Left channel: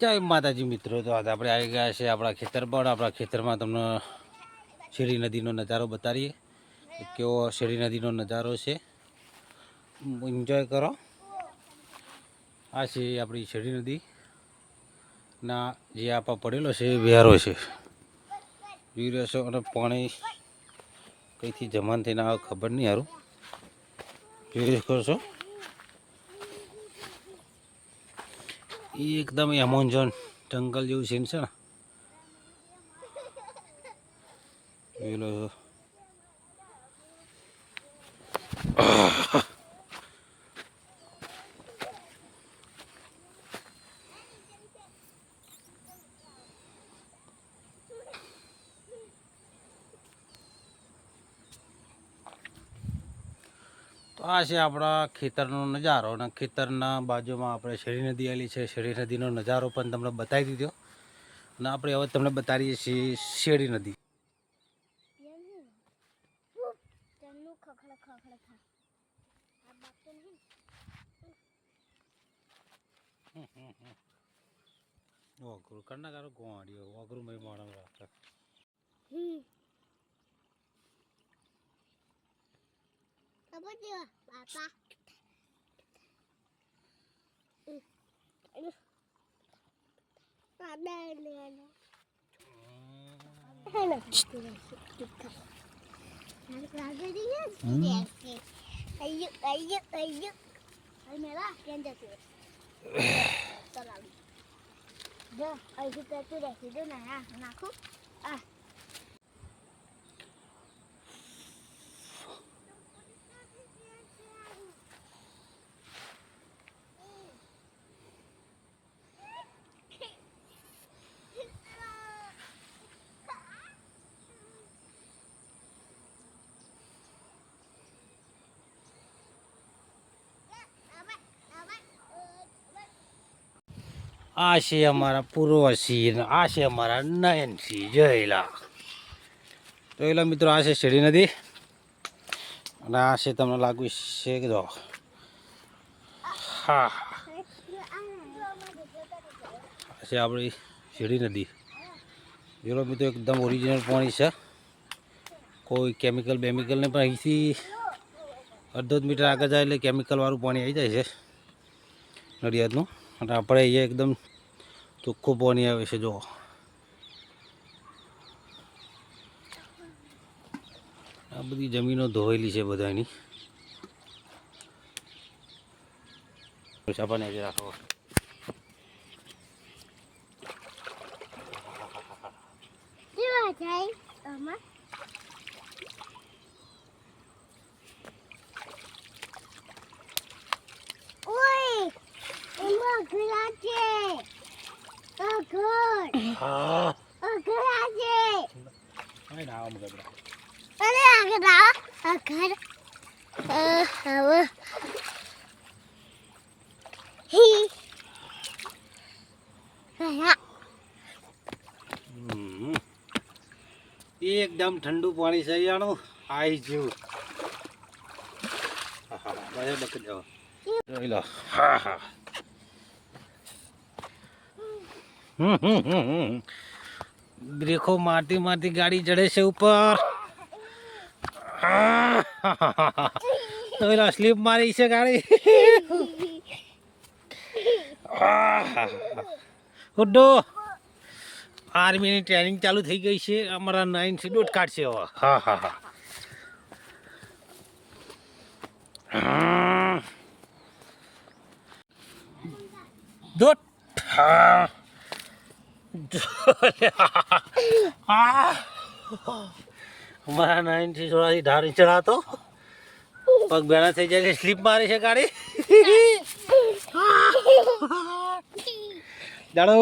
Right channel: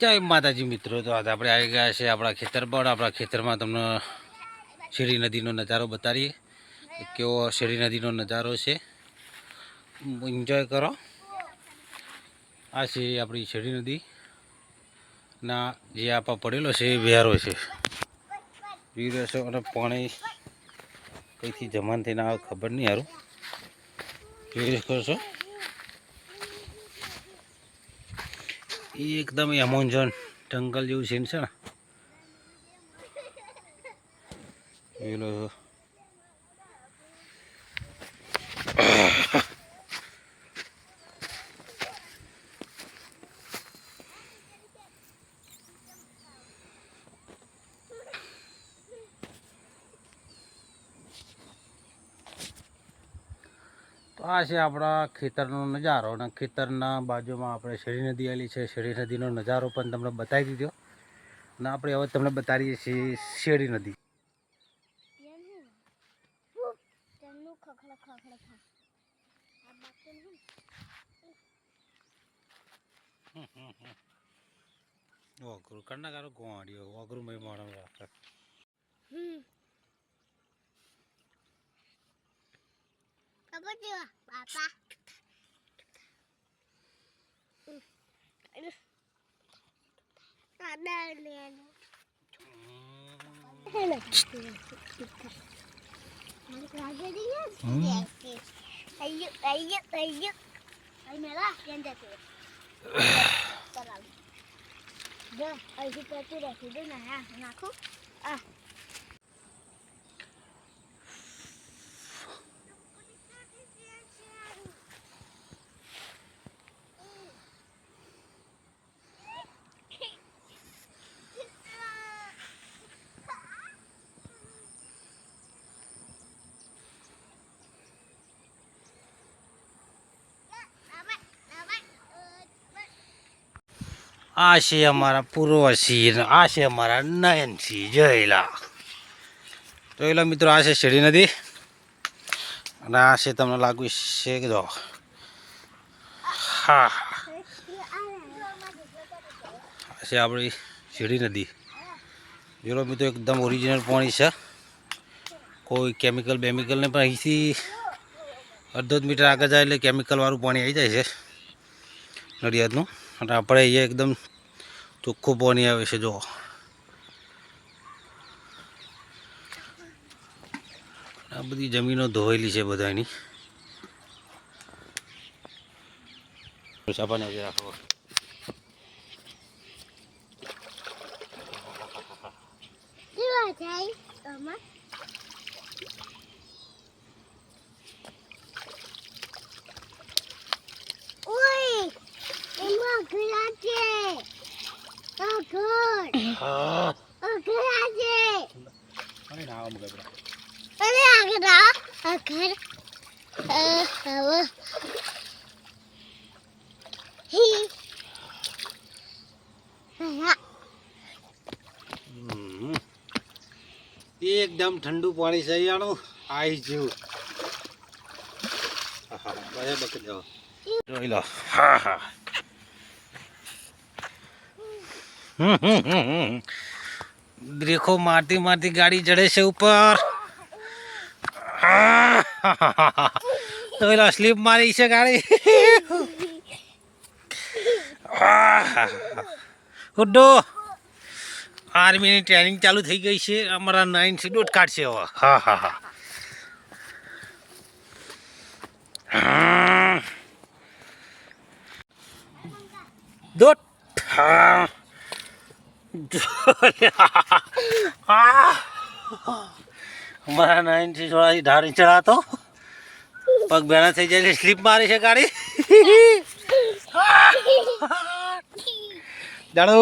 જય માતાજી મિત્રો, તો આજે આપણે આવી ગયા છે આપણા ખેતર પર. આપણા ખેતરમાં તમને શેરી નદીનો નજારો બતાવીએ કે કેવો શેરી નદીનો નજારો છે. એન્જોય કરો. આ છે આપણી શેરી નદી ના જે આપા પડેલો છે એ વેરો છે. વીરો છે અને પાણી કંઈથી જમાન થઈને આવે ખબર નહીં. સારું જોઈ શકો છો, એકદમ એમોન્જોન જંગલ જેવું સીન છે ને. પેલો તો આ છે આપણા ખેતરનો નજારો, અને ખેતરના બાજુમાં આપણે શેરી નદી આવેલી છે. શેરી નદીનો નજારો પણ તમને બતાવી દીધો, અને આપણે હવે તમને બતાવીએ છીએ શેરી નદી. ઓગરું કરના કારો ગોવાડીઓ ઓગરું મય માણો રાખે. બાપા નાખું. આ છે અમારા પૂર્વસિંહ, આ છે અમારા નયનસિંહ. જોયેલા જોયેલા મિત્રો, આ છે શેરી નદી, અને આ છે તમને લાગુ છે કે જો હા આ છે આપણી શેરી નદી. જોયેલો મિત્રો, એકદમ ઓરિજિનલ પાણી છે, કોઈ કેમિકલ બેમિકલ નહીં. પણ અહીંથી અડધો જ મીટર આગળ જાય એટલે કેમિકલવાળું પાણી આવી જાય છે નડિયાદનું. અને આપણે અહીંયા એકદમ ચોખ્ખું પાણી આવે છે. જો આ બધી જમીનો ધોયેલી છે બધાની. ચાપાને આજે રાખો. હા એકદમ ઠંડુ પાણી છે અહીંયાનું. આઈ જેવું બકે જાઓ જોઈ લો. હા હા દેખો, મારતી મારતી ગાડી ચડે છે ઉપર. જોઈ લો, સ્લીપ મારી છે ગાડી. ઉડ્ડો આર્મીની ટ્રેનિંગ ચાલુ થઈ ગઈ છે. અમારા 9 સી ડોટ કાઢશે હવે. હા હા હા દોટ. અમારા 9 થી થોડા ઢાળી ચડાતો પગ બેના થઈ જાય, સ્લીપ મારી છે ગાડી. જાણો